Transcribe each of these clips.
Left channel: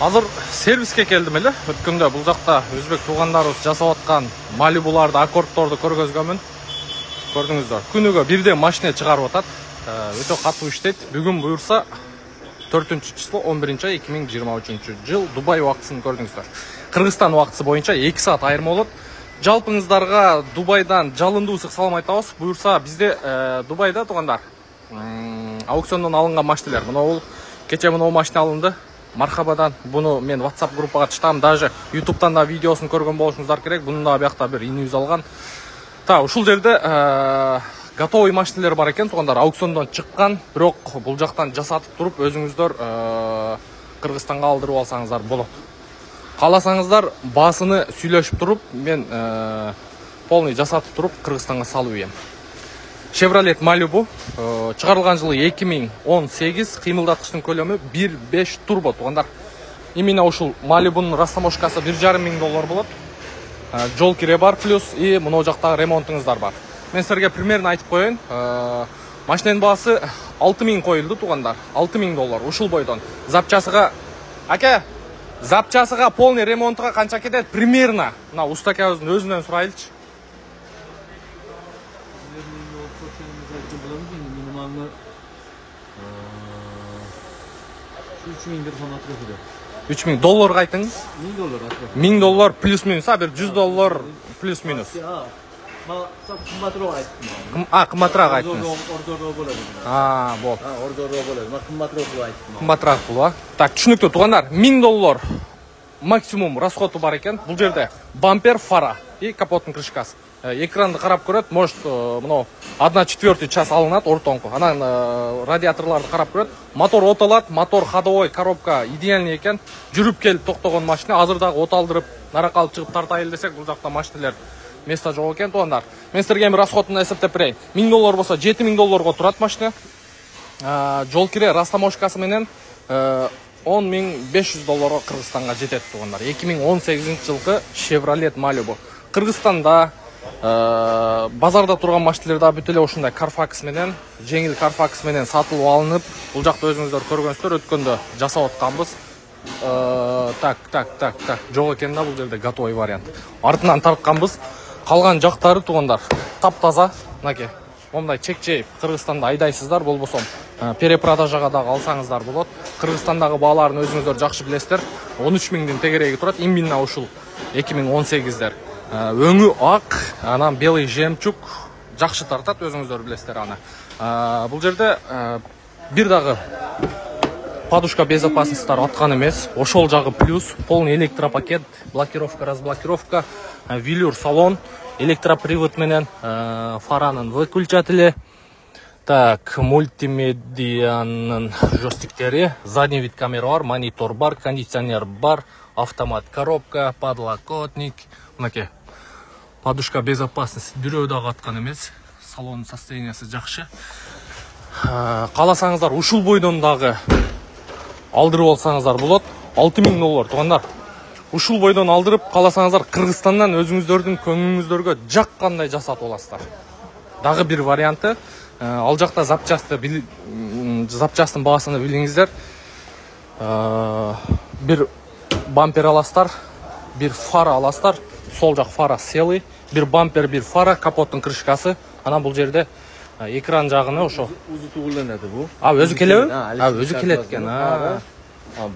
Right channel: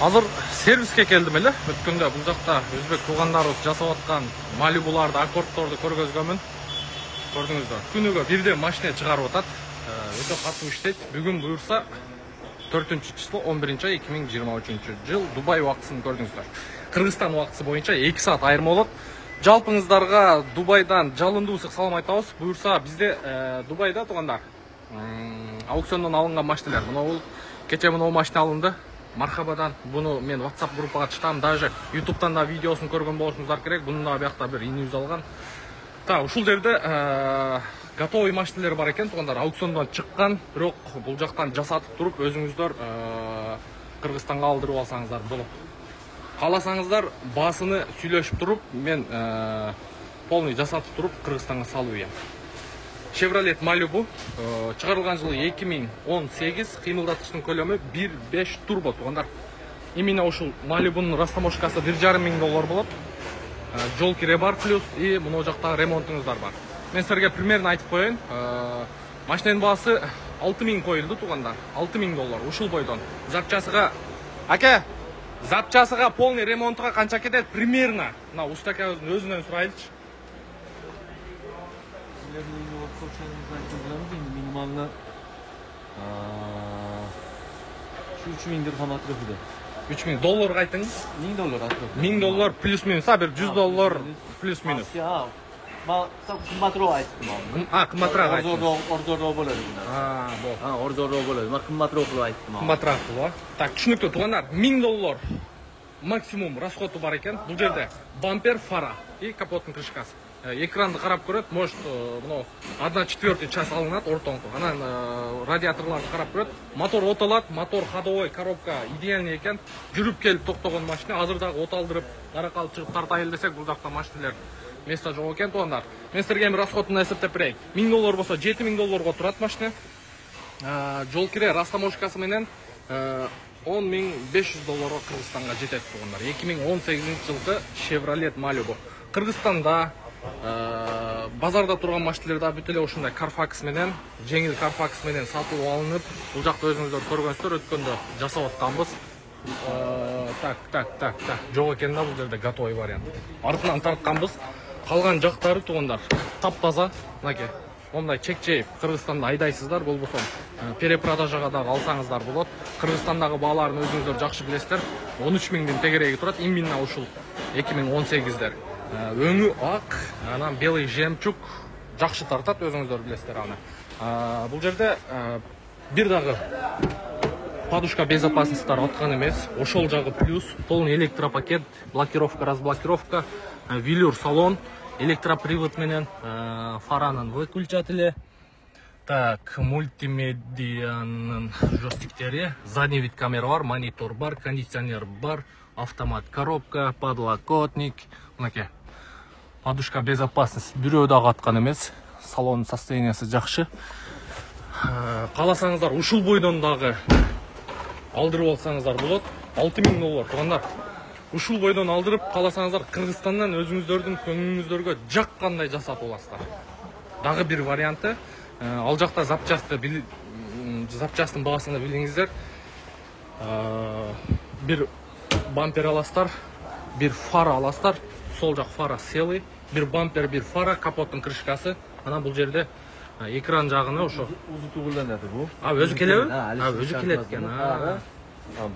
Азыр сервиске келдим эле. Өткөндө бул жакта өзбек туугандарыбыз жасап аткан Малибуларды, аккордторду көргөзгөмүн. Көрдүңүздөр. Күнүгө бирде машина чыгарып атат. Өтө катуу иштейт. Бүгүн буюрса 4-число 11-ай 2023 Дубай убактысын көрдүңүздөр. Кыргызстан убактысы боюнча 2 саат айырма болот. Жалпыңыздарга Дубайдан жалындуу ысык салам айтабыз. Буюрса бизде Дубайда туугандар аукциондон алынган машиналар. Мына кече мына машина алынды. Мархабадан. Буну мен WhatsApp группага чыктым. Даже YouTube'дан да видеосын көргөн болушуңуздар керек. Буну да биякта бир инибиз алган. Та, ушул жерде готовый машиналар бар экен, туугандар, аукциондон чыккан, бирок бул жактан жасатып туруп өзүңүздөр Кыргызстанга алдырып алсаңыздар болот. Кааласаңыздар баасыны сүйлөшүп туруп, мен полный жасатып туруп Кыргызстанга салып ийем. Chevrolet Malibu чыгарылган жылы 2018, кыймылдаткычтын көлөмү 1.5 турбо, туугандар. Именно ушул Малибунун растаможкасы $1,500 болот. Жол кире бар плюс и мына жактагы ремонтуңуздар бар. Мен силерге примерно айтып коеюн. Машинанын баасы 6000 коюлду, туугандар. $6000 ушул бойдон. Запчасыга запчасыга полный ремонтка канча кетет? Примерно. Мына устакабыздын өзүнөн сурайлычы. Минималны $3000 дирхам атрофиде. $3000 айтың? $1000 атроф. $1000 плюс-минус, бир $100 плюс-минус. Кымбатыраак айттым. Кымбатыраак айттым. Ордороо болот. болот. Ордороо болот. Кымбатыраак айттым. Кымбатыраак болот. Так, түшүнүктүү туугандар. $1000 максимум расходу бар экен. Бул жерде бампер, фара и капоттун крышкасы. Экранды карап көрөт, может, мына 1/4 час алынат ортоңку. Анан радиаторларды карап көрөт. Мотор оталат, мотор ходовой, коробка идеальный экен. Жүрүп келип токтогон машина. Азыр дагы от алдырып, наракка алып чыгып тартайын десек, бул жакта машиналар место жок экен, туугандар. Мен силерге бир расходун эсептеп берейин. $1000 болсо $7000 турат машина. Жол кире растаможкасы менен $10500 Кыргызстанга жетет, туугандар. 2018-жылкы Chevrolet Malibu. Кыргызстанда базарда турган машиналарда бүт эле ушундай Carfax менен, жеңил Carfax менен сатылып алынып, бул жакта өзүңүздөр көргөнсүздөр, өткөндө жасап атканбыз. Так, жок экен да, бул жерде готовый вариант. Артынан тартканбыз. Калган жактары, туугандар, таптаза. Мынакей, мондай чек-чейип Кыргызстанда айдайсыздар, болбосо перепродажага дагы алсаңыздар болот. Кыргызстандагы бааларын өзүңүздөр жакшы билесиздер. 13000дин тегереги турат. Именно ушул 2018дер. Өңү ак, анан белый жемчуг жакшы тартат, өзүңүздөр билесиздер аны. Бул жерде бир дагы подушка безопасностьтар аткан эмес. Ошол жагы плюс, полный электропакет, блокировка, разблокировка, велюр салон, электропривод менен, фаранын выключатели, так, мультимедианын жостиктери, задний вид камера бар, монитор бар, кондиционер бар, автомат коробка, подлокотник, мынакей. Подушка безопасности бирөө дагы аткан эмес. Салонун состояниясы жакшы. Кааласаңыздар ушул бойдон дагы алдырып алсаңыздар болот. $6000, туугандар. Ушул бойдон алдырып кааласаңыздар Кыргызстандан өзүңүздөрдүн көңүлүңүздөргө жаккандай жасап аласыздар. Дагы бир варианты, ал жакта запчастын баасыны билиңиздер. Бир бампер аласыздар, бир фара аласыздар. Сол жак фара целый, бир бампер, бир фара, капоттун крышкасы. Анан бул жерде экран жагыны ошо Өзү тугуланат бу. Өзү келеби? Өзү келет экен.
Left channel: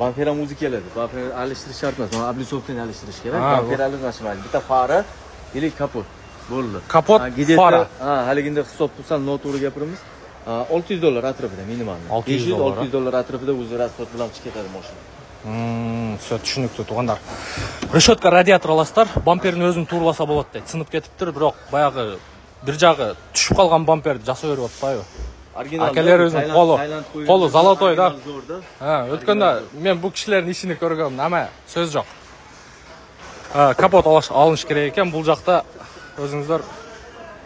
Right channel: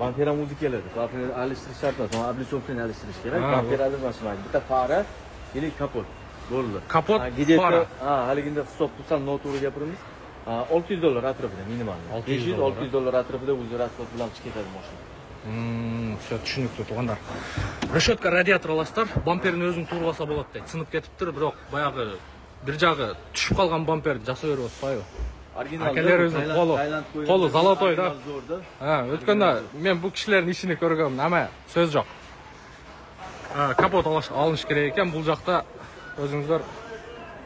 Бампер өзү келет. Бампер алыштырыш шарт эмес. Облицовканы алыштырыш керек. Бампер алыштырмайды. Бита фара или капот. Болду. Капот, фара. Халигинде хисап кылсаң, нотуру гапырмыз. $600 атрофиде минимум. $600 атрофиде өзү расход кылам чекетadi машина. Все түшүнүктүү, туугандар. Решетка радиатор аласыздар, бамперин өзүн туураласа болот дейт. Сынып кетиптир, бирок баягы бир жагы түшүп калган бамперди жасап берип атпайбы? Акелер өзүнүн колу золотой да. Өткөндө мен бул кишилердин ишини көргөм, ама сөз жок. Капот алыш керек экен, бул жакта өзүңүздөр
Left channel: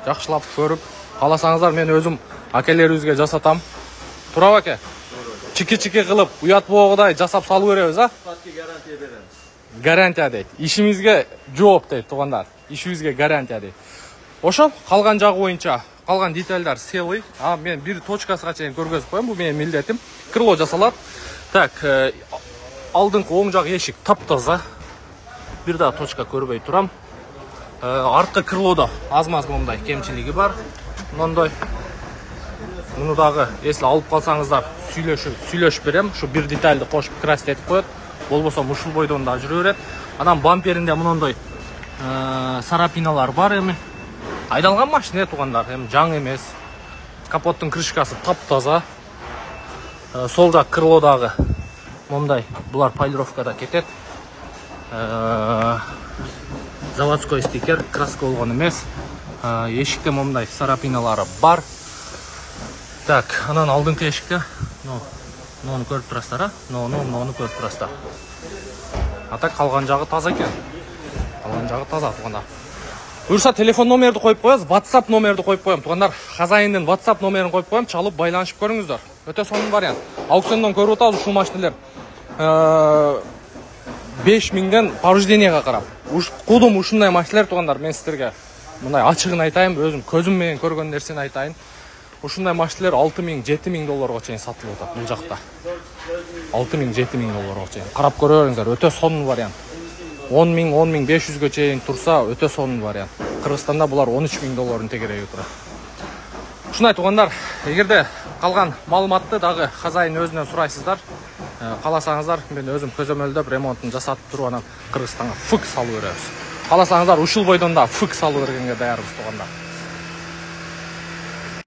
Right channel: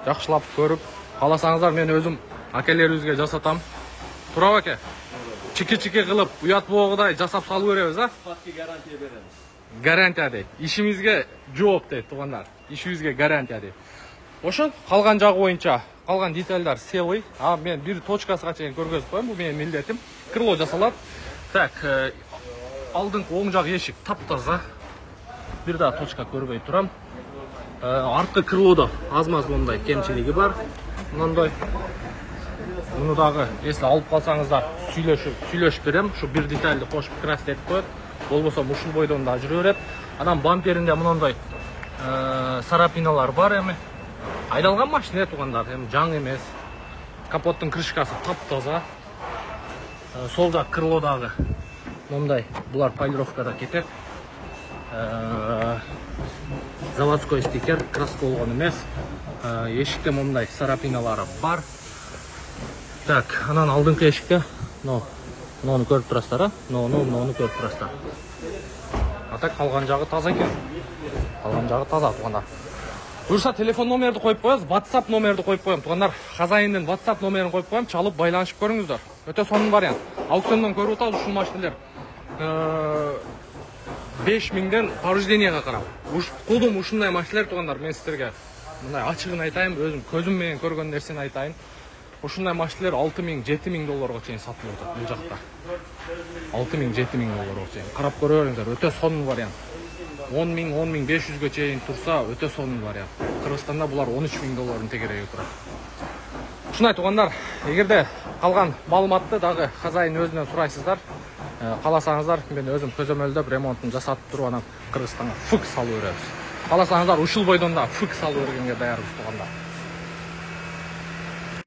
жакшылап көрүп, кааласаңыздар мен өзүм акелерибизге жасатам. Турабы аке? Чики-чики кылып, уят болгодай жасап салып беребиз, Сапатка гарантия беребиз. Гарантия дейт. Ишимизге жооп дейт, туугандар. Ишибизге гарантия дейт. Ошо, калган жагы боюнча, калган детальдар целый. Мен бир точкасына чейин көргөзүп коем, бул менин милдетим. Крыло жасалат. Так, алдыңғы оң жақ ешік таптаза. Bir daha точка көрбей турам. Артқы крылода аз-маз мындай кемчилиги бар. Мындай. Мұны дағы, если алып қалсаңыздар, сүйлөшүп берем. Şu bir детальды қошып красить етіп қояды. Болбосо ушул бойдон да жүрө берет. Анан бамперинде мындай сарапиналар бар эми. Айдалган машина тугандар, эми жаңы эмес. Капоттун крышкасы таптаза. Сол жак крылодагы мындай булар полировкада кетет. Заводской стикер, краска болгон эмес. Эшикте мындай сарапиналары бар. Так, анан алдыңкы эшикте, муну көрүп турасыздар, муну көрүп турасыздар. Ата калган жагы таза экен. Калган жагы таза тугандар. Буюрса телефон номерди коюп коебуз, WhatsApp номерди коюп коем. Тугандар, хозяиндин WhatsApp номерин коюп коем, чалып байланышып көрүңүздөр. Өтө сонун вариант. Аукциондон көрүп атабыз ушул машиналер. 5000ден поврежденияга карап. Кудум ушундай машиналер тугандар, мен сиздерге мындай ачыгын айтайын, өзүм көзүм менен көргөн нерсени айтайын. Ушундай машиналер 6000-7000 долларга чейин сатылып атат бул жакта. 6000-7000 долларга чейин. Карап көрө бериңиздер, өтө сонун вариант. 10.000-10.500ге чейин турса, өтө сонун вариант. Кыргызстанда булар 13.000 доллардын тегереги турат. Ушундай тугандар, эгерде калган маалыматты дагы хозяин өзүнөн сурайсыздар, каласаңыздар, мен өзүм көзөмөлдөп ремонтун жасатып туруп анан Кыргызстанга фык салып беребиз. Каласаңыздар ушул бойдон да фык салып бергенге даярбыз тугандар.